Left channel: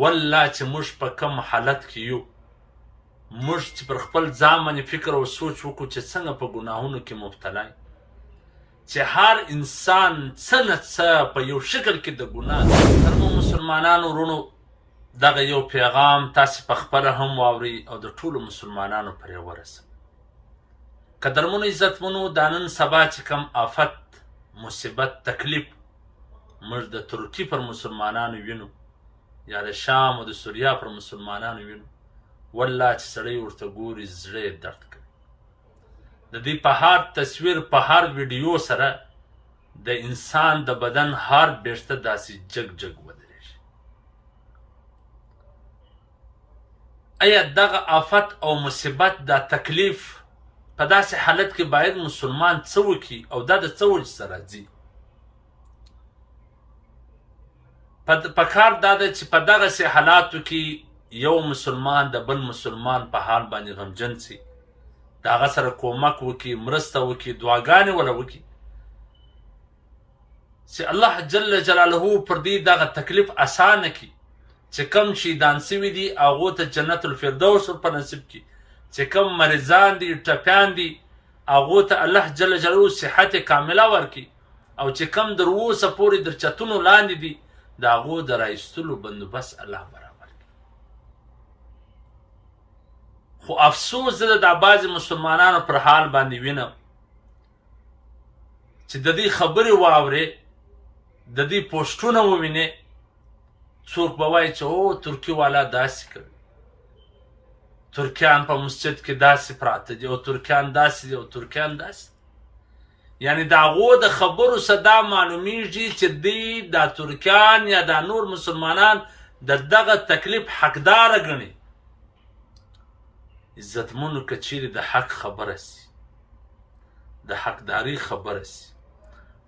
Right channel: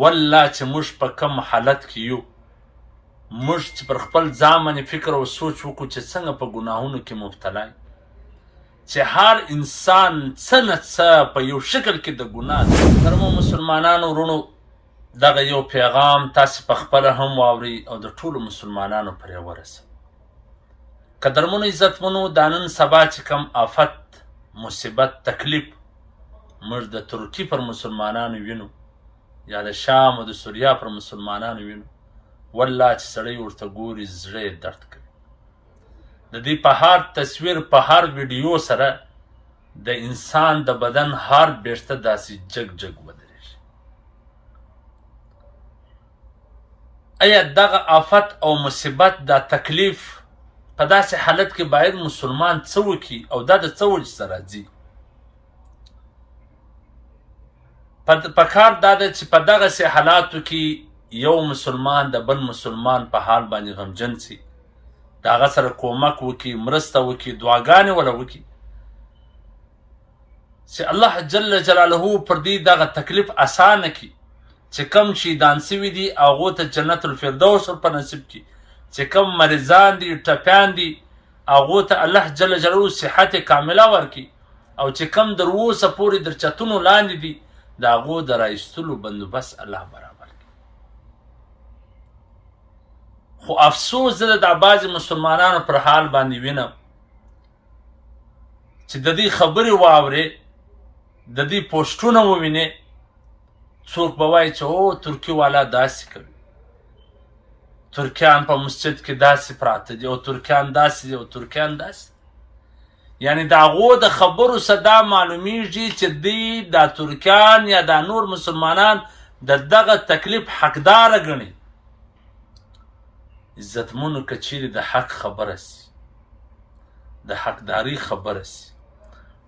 والله چې موږ په کم حالت کې یو، موږ چې پر خپل ځان باندې فکر او سوچ وکړو چې څنګه په ګناهونو کې مبتلا یو، چې هر انسان څه نه څه په یو شکل کې د ګناه ده. محترمو مسلمانانو ورونو، دغه یو پیغام تاسې په خپله هم واورئ او د ټولو مسلمانانو پرې ورسوئ. قدرمنو عزتمنو، دا نن سبا چې کم آفت، مصیبت، تکلیف موږ د ترکي پر مسلمانانو وینو یا د شام او د سوریا پر مسلمانانو وینو، والله چې سړی ورته ګوري زړه یې درد کوي. د دې په هر تصویر، په هر ویډیو سره د انسان د بدن هر بیرته داسې جګ جګ ودرېږي. ایا دغه آفت او مصیبت، دا تکلیف په داسې حالت کې باید مسلمان څه وکړي او دا د څه وجې سره راځي؟ پکار دا ده چې په دغسې حالاتو کې یو مسلمان د بل مسلمان په حال باندې غمجن سي، د هغه سره کومک وکړي، مرسته وکړي، دعاګانې وله وکړي چې الله جل جلاله پر دې دغه تکلیف اسانه کړي، چې کم شهیدان سوي دي هغو ته جنت الفردوس ورپه نصیب کړي، چې کم مریضان دي، ټپیان دي، هغو ته الله جل جلاله صحت کامله ورکړي، او چې کم در اوسه پورې در چتونو لاندې دي د هغو د رایستلو بندوبست الله برابر کړي. خو افسوس زه د بعضې مسلمانانو پر حال باندې وینم چې د دې خبرې واورې، د دې پوسټونه ووینې، څوک به وایي چې او ترکي والا داسې کوي، ترکیان په مسجد کې داسې پراته دي، او ترکیان داسې دي، او ترکیان داسې. یعنی د هغو د خبرو صدا معلومیږي چې دوی دا ترکیان یا دا نور مسلمانان د دغه تکلیف حقداره ګڼي. عزتمنو، که چیرې د حق خبره سي، د حقداري خبره سي،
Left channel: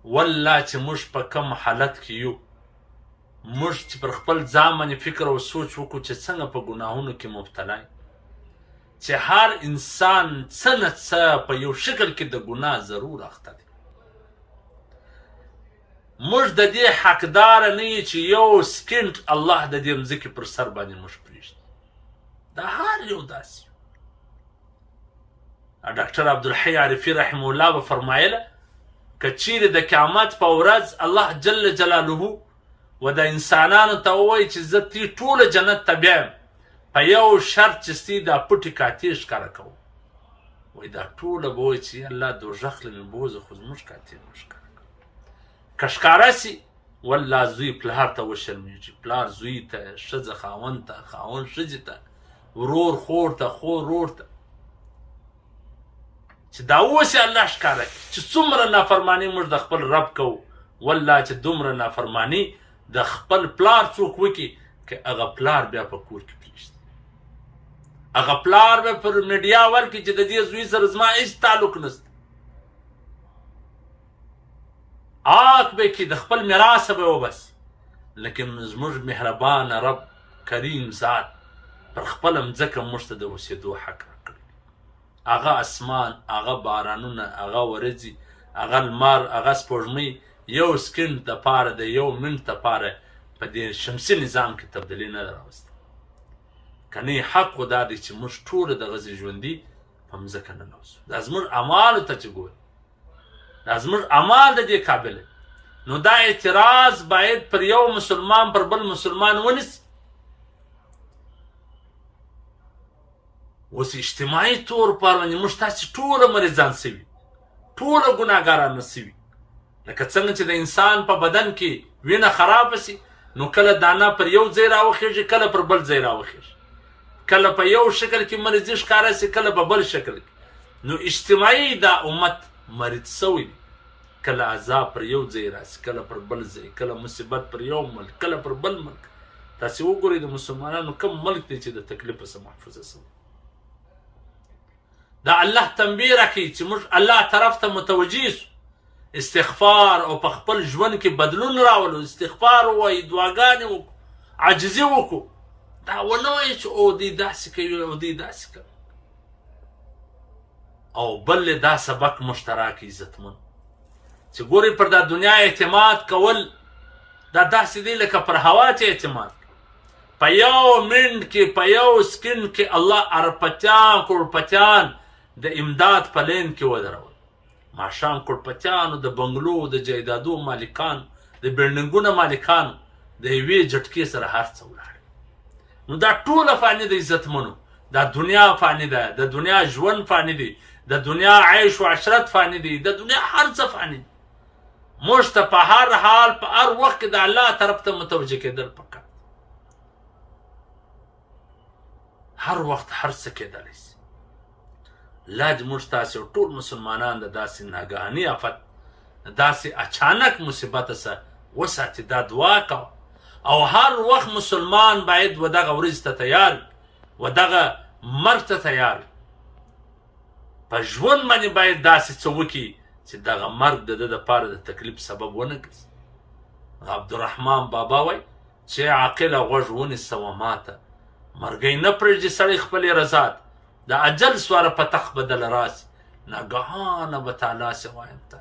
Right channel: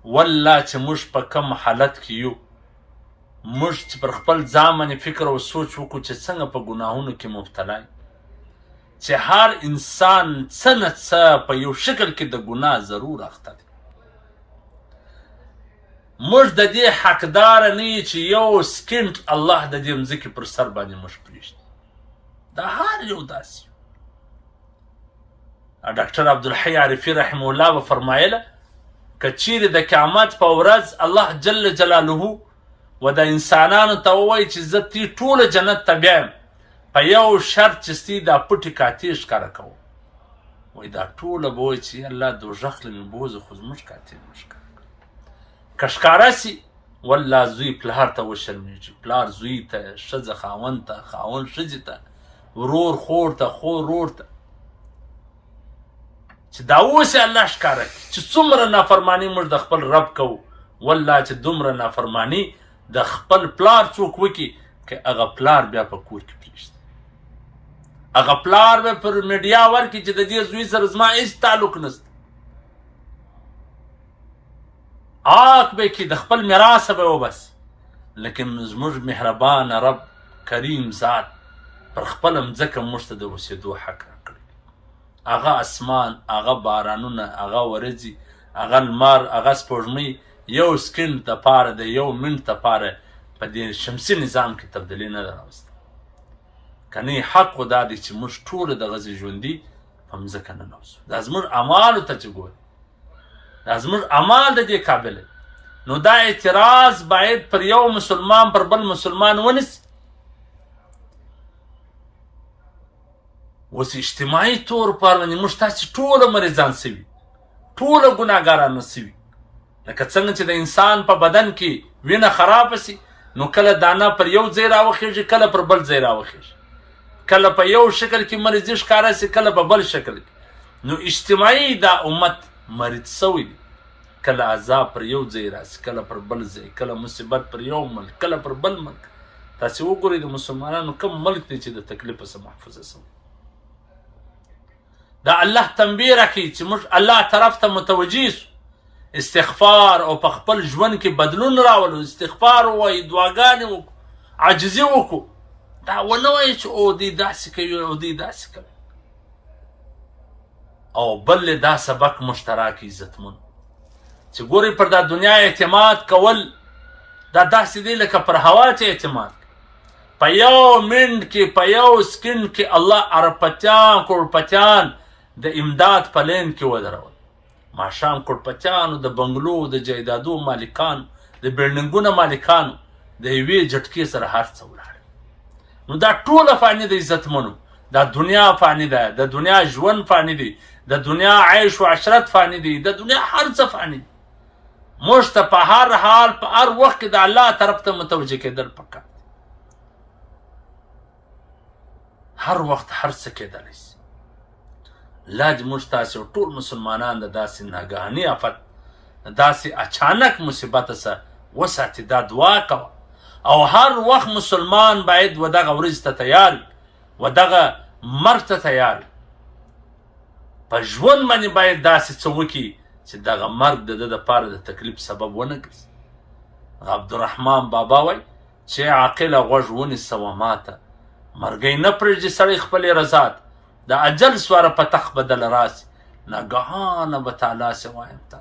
والله چې موږ په کم حالت کې یو، موږ چې پر خپل ځان باندې فکر او سوچ وکړو چې څنګه په ګناهونو کې مبتلا یو، چې هر انسان څه نه څه په یو شکل کې د ګناه ضرور اخته دی. موږ د دې حقداره نه یو چې یو سکنډ الله د دې مځکې پر سر باندې موږ پرېږدي. دا هر یو داسې یو. ډاکټر عبدالحی عارفي رحمه الله به فرمایله که چیرې د قیامت په ورځ الله جل جلاله و د انسانانو ته ووایي چې زه تی ټوله جنت ته بیایم، په یو شرط چې ستی دا پټې کاتې ښکاره کوو، وایي دا ټوله به وایي چې الله دوژخ له مې بوځه، خو زموږ کاتې مه ښکاره کوو. که ښکاره سي، والله زوی پلار ته وشرمېږي، پلار زوی ته، ښځه خاوند ته، خاوند ښځې ته، ورور خور ته، خور ورور ته، چې دا اوس یې الله ښکاره کړي چې څومره نافرماني موږ د خپل رب کوو. والله چې دومره نافرماني د خپل پلار څوک وکړي، که هغه پلار بیا په کور کې پرېږدي، هغه پلار به پر میډیا ورکړي چې د دې زوی سره زما هېڅ تعلق نشته، عاق به کړي، د خپل میراثه به وباسي. لیکن زموږ مهربانه رب کریم ذات پر خپله مځکه موږ ته د اوسېدو حق راکړی، هغه اسمان، هغه بارانونه، هغه ورځې، هغه لمر، هغه سپوږمۍ یو سکنډ دپاره، د یو منټ دپاره په دې شمسي نظام کې تبدیلي نه ده راوسته. که نه حق خو دا دی چې موږ ټوله دغسې ژوندي په مځکه ننوځو. دا زموږ اعمالو ته چې ګوري، دا زموږ اعمال د دې قابله، نو دا اعتراض باید پر یو مسلمان پر بل مسلمان ونیسي. اوس اجتماعي طور پر باندې موږ تاسې ټوله مریضان سوي، ټوله ګناهګاران سوي. لکه څنګه چې د انسان په بدن کې وینه خرابه سي، نو کله دانه پر یو ځای راوخیږي، کله پر بل ځای راوخیږي، کله په یو شکل کې مریضي ښکاره سي، کله په بل شکل کې. نو اجتماعي دا امت مریض سوی دی، کله عذاب پر یو ځای راسي، کله پر بل ځای، کله مصیبت پر یو ملک، کله پر بل ملک. تاسې وګورئ د مسلمانانو کوم ملک دی چې د تکلیف څخه محفوظه سوی. دا الله تنبیه راکوي چې موږ الله طرف ته متوجه سو، استغفار او په خپل ژوند کې بدلون راولو، استغفار ووایو، دعاګانې وکړو، عاجزي وکړو. دا ونه وایي چې او دوی داسې کوي او دوی داسې کوي. او بل دا سبق مشترک عزتمن چې ګورئ پر دا دنیا اعتماد کول دا داسې دی لکه پر هوا چې اعتماد کوي. په یو منټ کې په یو سکند کې الله اربپتیان کروڑپتیان د امداد په لین کې ودرول. ماښام کروڑپتیانو د بنګلو د جایدادو مالکانو د بلډینګونو مالکانو د یوې جټکې سره هر څه ولاړ. نو دا ټوله فاني د عزتمنو، دا دنیا فاني ده، د دنیا ژوند فاني دی، د دنیا عیش و عشرت فاني دی، د دنیا هر څه فاني دی. موږ ته په هر حال په هر وخت کې د الله طرف ته متوجه کېدل پکار، هر وخت هر څه کېدلی شي. الله دې موږ تاسې ټول مسلمانان د داسې ناګهاني آفت، داسې اچانک مصیبت څخه وساتي. دا دعا کوه. او هر وخت مسلمان باید و دغه ورځ ته تیار وي، و دغه مرګ ته تیار وي. په ژوند باندې باید داسې څه وکړي چې دغه مرګ د ده دپاره د تکلیف سبب ونه ګرځي. عبدالرحمن بابا وایي چې عاقله غوږ ونیسه و ماته، مرګی نه پرېږدي سړی خپلې رضا ته، د اجل سواره په تخت به دله راسي، ناګهانه به تعالی سې وایم ته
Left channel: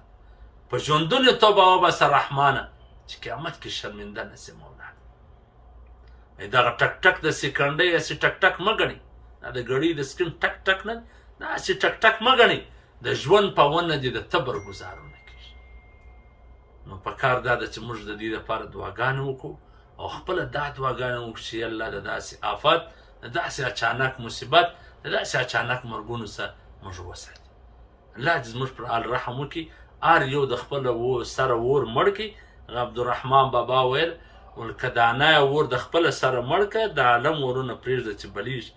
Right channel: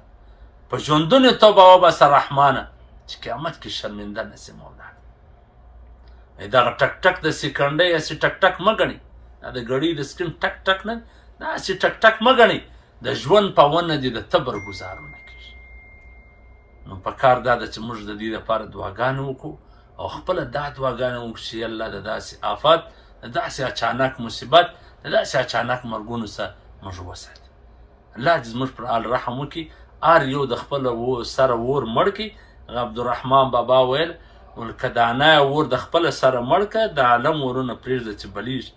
په ژوندون توبه وباسه رحمانه، چې قیامت کې شرمنده نه سي مولا. دغه ټک ټک د سکنډۍ هسې ټک ټک مه ګڼئ، دا د ګړۍ د سکرین ټک ټک نه، دا هسې ټک ټک مه ګڼئ. د ژوند په ونه دې د تبر ګزارونه کېږي. نو په کار دا ده چې موږ د دې دپاره دعاګانې وکړو او خپله دا دعاګانې وکړو چې الله د داسې آفت، د داسې اچانک مصیبت، د داسې اچانک مرګونو څخه موږ وساتي. الله دې زموږ پر حال رحم وکړي، هر یو د خپله سره اور مړ کړي. عبدالرحمن بابا ویل که دانه اور د خپله سره مړ کړه، د عالم اورونه پرېږده چې بلیږي.